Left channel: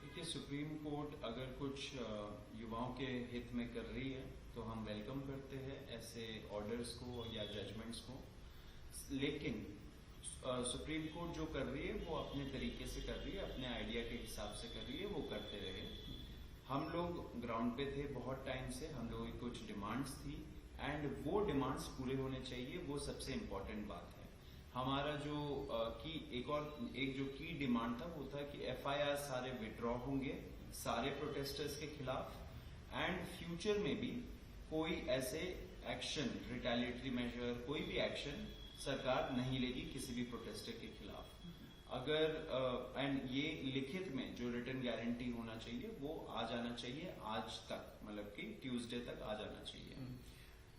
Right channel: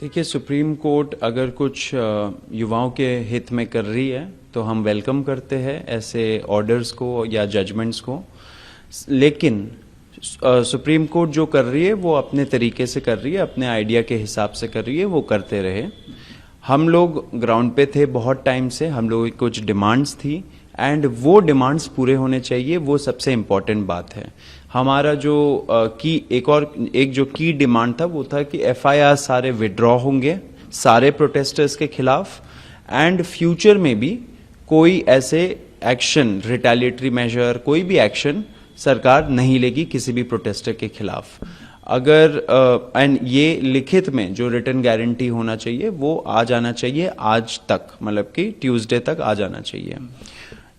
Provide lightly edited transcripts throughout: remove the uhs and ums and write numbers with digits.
देखिए, supreme court अगर कुछ युवाओं के हित में कर रही है तो हम वेलकम करते हैं ऐसे ऑर्डर्स को या जजमेंट्स को। लेकिन सुप्रीम कोर्ट जो कर रही है वो अपने तरीके से कर रही है, अपने आइडिया के हिसाब से कर रही है, वो करते रहे। हम लोग ग्राउंड पे थे बहुत टाइम से, हम लोगों की कुछ डिमांड्स थी एंड वो डिमांड्स पूरे होने चाहिए, वो सबसे इम्पॉर्टेंट बात है। हमारा जो एक जो की डिमांड था वो था कि एफआईआर सारे विड्रॉ होंगे सारे प्रोटेस्टर्स के खिलाफ, एंड फ्यूचर में भी कोई ऐसे एक्शन, रिटेलिएटरी मेजर, कोई भी एक्शन सरकार नहीं लेगी किसी भी प्रोटेस्टर के खिलाफ। अगर एंड ये लिखित में जो रिटर्न गारंटी होना चाहिए वो आ जाना चाहिए आज तक, मतलब कि ट्यूसडे तक आ जाना चाहिए।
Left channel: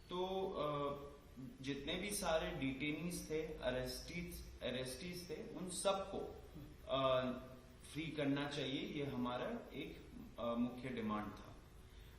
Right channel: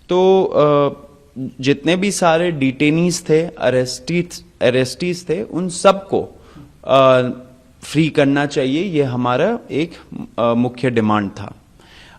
तो जितने भी सारे डिटेनीज थे, अरेस्टीज थे, उन सबको फ्री करना चाहिए, ये हमारा एक मुख्य डिमांड था।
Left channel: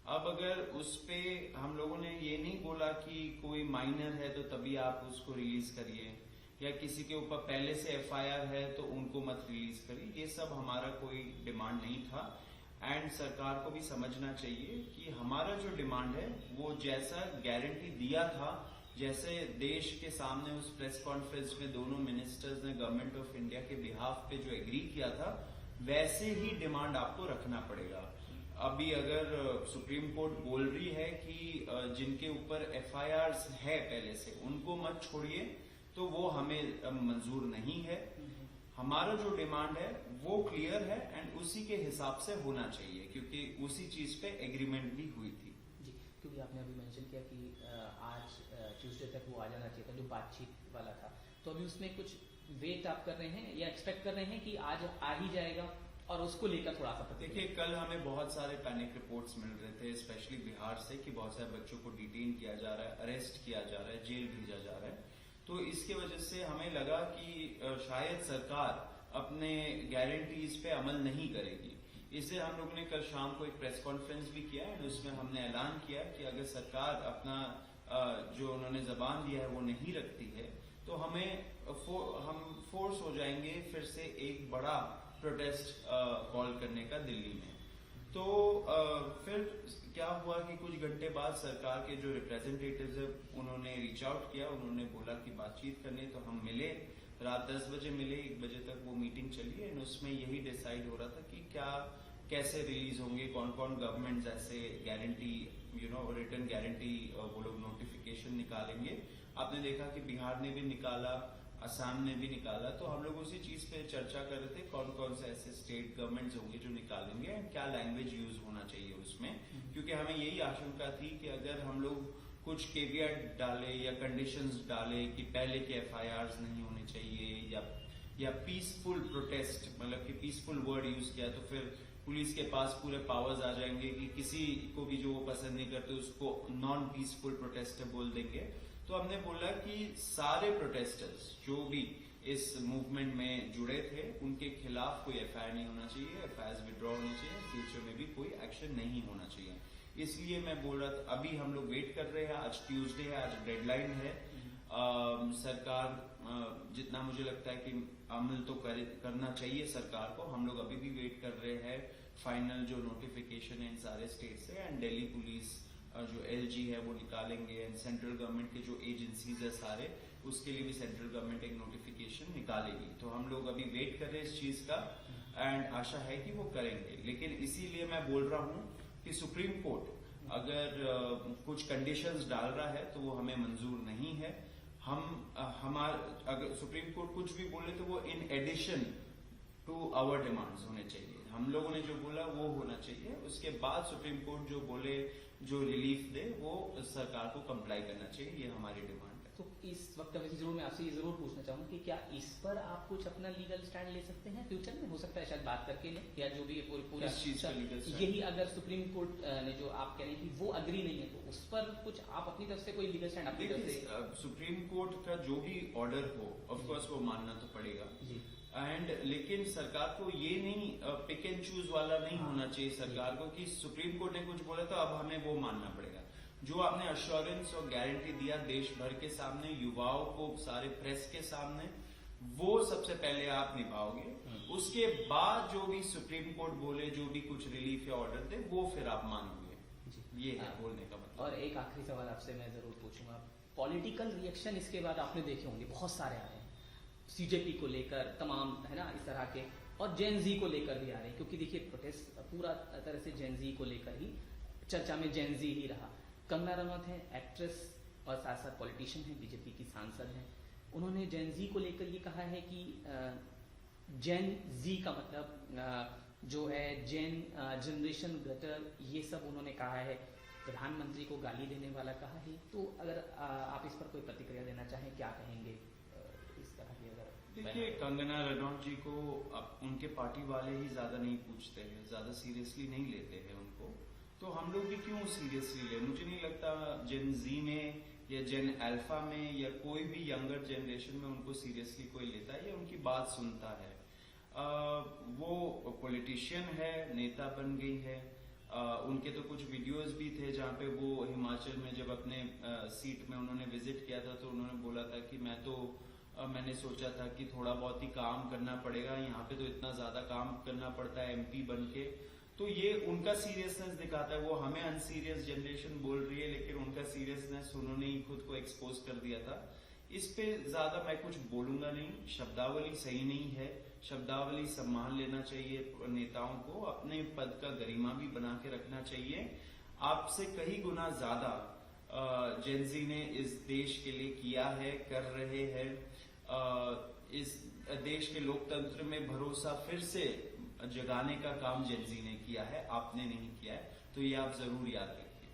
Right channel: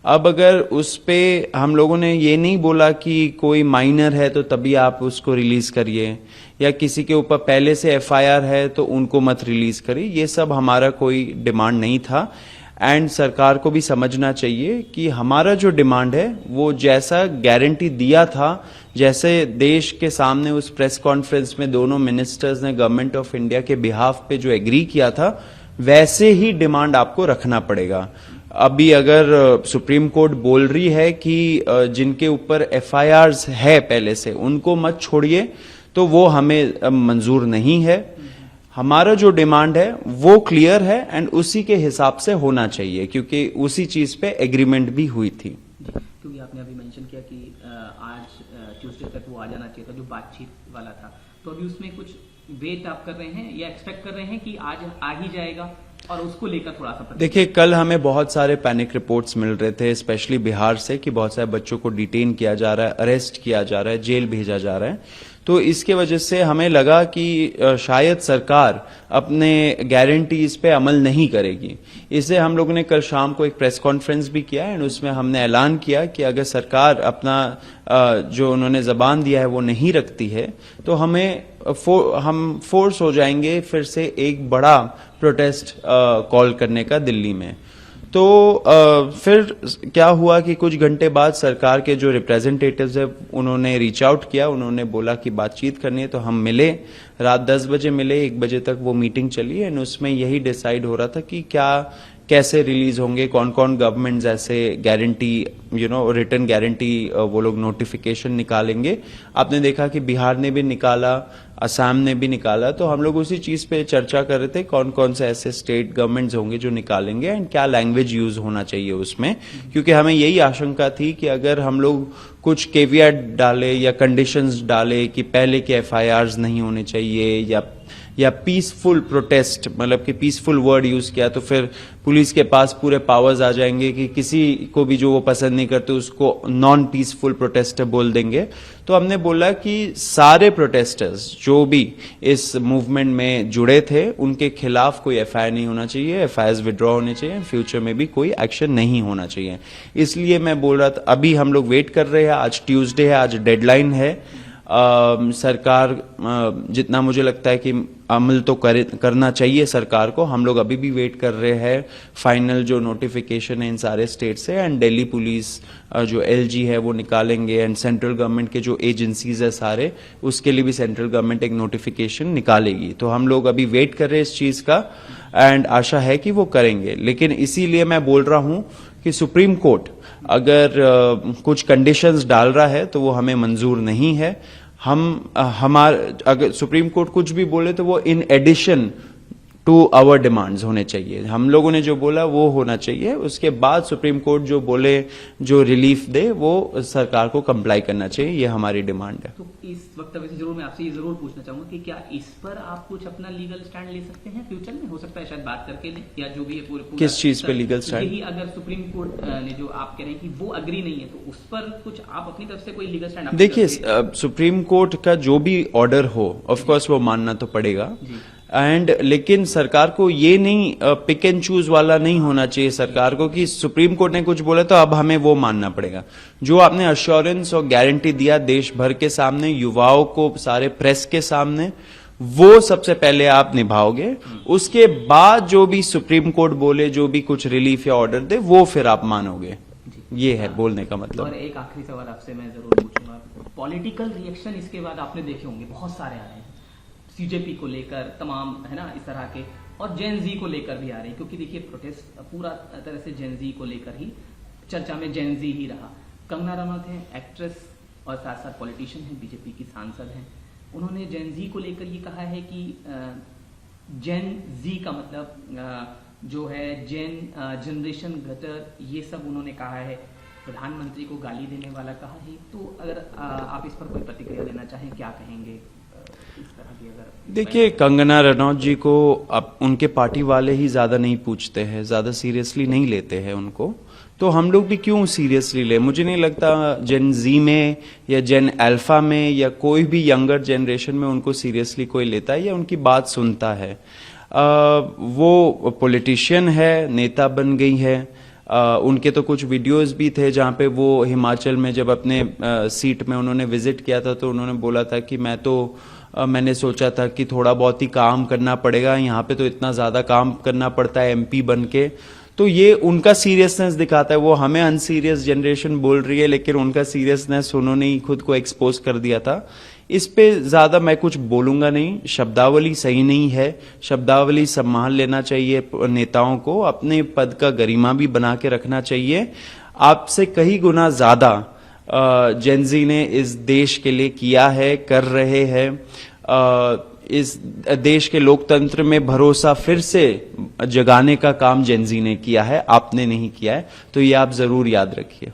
अब अगर उस पे हम लोगों ने ये नहीं बोला कि कोई माइनर है तो तभी आप उसको रिलीज करिए, या किसी के ऊपर पहले से एफआईआर है तो उनको मत रिलीज करिए, ये सब हमारा कोई डिमांड नहीं था। एंड सरकार को भी समझना चाहिए कि हमारा जो डिमांड है वो जैसा गारंटी दिया था, जैसे देश के सामने उस प्रेस कॉन्फ्रेंस में दोनों मिनिस्टर्स ने गवर्नमेंट ऑफ इंडिया के बिहाफ पे जो एग्री किया था, वैसे ही डिमांड आपको रखना पड़ेगा। अभी अगर सुप्रीम कोर्ट बोल रही है कि जिनके ऊपर एफआईआर्स है पहले से उनको मत छोड़िए, तो वो हमें मंजूर नहीं है। हमारा जो डिमांड है वो क्लियर है एंड उसी के हिसाब से होना चाहिए, क्योंकि उसी चीज पे एग्रीमेंट भी हुई थी। क्योंकि आपने अभी मेंशन किया कि आज ट्यूसडे तक वो आ जाना चाहिए था, जो बातचीत वाला था, तो अभी उसमें कुछ वेट आप कर रहे हैं या एक्सपेक्ट कर रहे हैं कि आज आ ही जाएगा, और उसको लेकर थोड़ा सा? देखिए, कल हमें बहुत सारे पैनिक रिपोर्ट्स मिल रहे थे, स्पेशली बिहार से, कि बहुत सारे बच्चों को डिटेन किया जा रहा है, अरेस्ट किया जा रहा है, जेल भेजा जा रहा है। तो इसके वजह से हमें लगा कि शायद सरकार अपने गारंटीज पे अमल नहीं करेगी। इससे हम लोगों ने कल शाम को एक प्रेस कॉन्फ्रेंस भी किया एंड उसमें हमने ऐलान किया कि अगर सरकार अपना जो उन्होंने जबान दिया है वो नहीं रखती है तो हम फोर्स हो जाएंगे फिर से एक बड़ा प्रोटेस्ट कॉल करने का दिल्ली में। तो फिर क्या हुआ कि कुछ घंटे बाद सरकार के जो रिप्रेजेंटेटिव्स है उन्होंने रीच आउट किया, उन्होंने बोला कि बातचीत करनी है, तो हम मिले, रात 10 बजे मिले, 1 बजे तक वो मीटिंग चली एंड उसमें यही डिसाइड हो रहा था कि क्या कैसे रिलीज होंगे, कौन कौन गवर्नमेंट्स ऐसे गारंटी रिटर्न गारंटी वो लोग नोटिफिकेशन निकालेंगे। आपने देखा कि बिहार ने भी निकाला, असम ने भी निकाला, तो हम लोग उसी चीज पे चर्चा कर रहे थे कौन कौन से ऐसे स्टेट गवर्नमेंट्स होंगे जो निकालेंगे एंड क्या लैंग्वेज यूज होना चाहिए उसमें, क्योंकि हमें यही आशंका थी कि अगर हम लोग कुछ केवियट डाले या कंडीशंस डाले कि पहले के एफआईआर्स नहीं होने चाहिए या पीसफुल प्रोटेस्ट, मतलब कि पीसफुल वर्ड यूज किया, तो फिर पुलिस के पास पूरे पावर्स आ जाएंगे कि किसी को भी जो वो पसंद नहीं करते उसको नॉन पीसफुल प्रोटेस्टर बोल देंगे। तो हमने बोला कि सारे प्रोटेस्टर्स जो भी इस मूवमेंट में जुड़े थे उनके खिलाफ कोई एफआईआर नहीं होना चाहिए, एफआईआर विड्रॉ होने चाहिए, फ्यूचर में भी कोई एक्शन नहीं होना चाहिए। इसलिए मैं बोल रहा था, अभी हम लोग वेट कर रहे हैं, आज ट्यूसडे है, आज डेडलाइन है। सरकार जितना मुझे लगता है कि अमल तो करना चाहिए सरकार को, हम लोग अभी भी वेट कर रहे हैं फाइनल जो नोटिफिकेशन है इन सारे स्टेट से, एंड दिल्ली पुलिस जो एलजी है वो निकालेंगे एंड सेंट्रल गवर्नमेंट के जो एजेंसीज है सारे, उसके लिए भी सेंट्रल गवर्नमेंट एक नोटिफिकेशन निकालेगी। तो हम लोग अभी वेट कर रहे हैं इस चीज का एंड आशा है कि वो करेंगे। लेकिन इसीलिए मैं बोल रहा हूं कि सुप्रीम कोर्ट अगर कुछ कंडीशंस डाल रहा है तो वो हमें मंजूर नहीं है। अगर सुप्रीम कोर्ट कुछ भी बोले तो वो in addition to our demands होने चाहिए। हम लोगों ने जो बोला वो होना चाहिए, उसके बाद सुप्रीम कोर्ट जो बोले, जो रिलीफ दे, वो सरकार को कंप्लाई करना चाहिए, ये हमारी डिमांड है। तो इस वक्त वैसे जरूर मैं आपसे ये जरूर पूछना चाहूंगा कि क्या इस पर आप कुछ अपना लीगल स्टैंड ले सकते हैं फ्यूचर में? हो सकता है शायद बात करके ले, या जो भी है पूरे किस चीज पे लीगल स्टैंड? यही अगर सुप्रीम कोर्ट ने जो आप कह रहे हैं कि वो अग्री नहीं है तो उस पर कुछ आप अपनी तरफ से कोई लीगल स्टैंड? देखिए, सुप्रीम कोर्ट का जो भी ऑर्डर हो ऑफकोर्स वो मानना तो पड़ेगा, लेकिन सरकार को ये नहीं पिक एंड चूज वाला नहीं होना चाहिए सरकार को कि सुप्रीम कोर्ट ने कुछ बोला तो अब हमें वो मानना पड़ेगा। जो आपने अश्योरेंस और गारंटी दिया देश भर के सामने, युवाओं को, सारे प्रेस के सामने, वो सबसे पहले आप निभाओगे, उसके बाद जो भी सुप्रीम कोर्ट बोले, जो भी कुछ रिलीफ या ऑर्डर दे, वो फिर आप मानोगे। ये है बोलने का मतलब। और एक आखिरी सवाल आपसे मैं जरूर पूछूंगा, पॉलिटिकल रिएक्शन इसके बाद आपने देखे होंगे बहुत सारे आ रहे हैं, सीजेपी को लेकर तमाम, है ना, इस तरह के, और जेन जी को लेकर भी आ रहे हैं, क्योंकि देखिए प्रोटेस्ट पूरा तरह से जेन जी को लेकर ही चर्चा में जेन जी ही रहा। कंगना रनौत है एक्ट्रेस और साथ साथ पॉलिटिशियन है, बीजेपी की सांसद हैं, उन्होंने जेन जी को लेकर ये कहा है कि जेन जी का मतलब जो है जनरेशन गटर, ये सब उन्होंने कहा है, प्रधानमंत्री को गाली देने वाला कहा है। तो अगर आप इस पर कोई प्रतिक्रिया देना चाहें, क्या कहेंगे इस तरह की? अगर देखिए, कंगना रनौत जी को अब उनके पार्टी वाले ही ज्यादा नहीं पूछते हैं, ज्यादा सीरियसली नहीं लेते हैं उनको, तो हम लोग भी क्यों सीरियसली ले? मुझे नहीं लगता जेन जी में या जेन अल्फा में या कोई भी यंगर जनरेशन में उनको सीरियसली कोई लेता है या उनकी बात सुनता है। वो पॉलिटिशियन है, नेता बन गई है। उनके तो कुछ वीडियोस भी थे जहां पे वो हिमाचल में जब अपने सीट में उन्होंने विजिट किया था, तो उन्होंने बोला था कि मैंने सोचा था कि थोड़ा बहुत ही काम करना पड़ेगा, यहाँ पे तो इतना ज़्यादा काम करना पड़ता है एमपी बन के। तो ये उनका सीरियसनेस दिखाता है। वो हमें अनसीरियस जनरेशन बोल रही है, लेकिन उनका सीरियसनेस उन्होंने ही खुद को एक्सपोज कर दिया था। इस पे ज़्यादा मैं कुछ बोलूँगा नहीं। शब्दावली सही नहीं है, शब्दावली संभाल लेना चाहिए नेताओं को, अपने पद का गरिमा भी बना के रखना चाहिए। आपसे कई गुना ज़्यादा जेनजी ने इस देश के लिए किया है, कर रहे हैं। इस देश के लोकतंत्र में भरोसा फिर से जगाने का काम जेनजी ने किया है, आपने नहीं किया है, तो ये आप जरूर याद रखिए।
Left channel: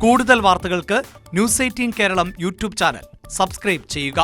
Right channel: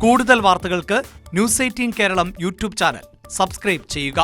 കൂടുതൽ വാർത്തകൾക്ക് news 18 Keralam YouTube channel subscribe ചെയ്യുക.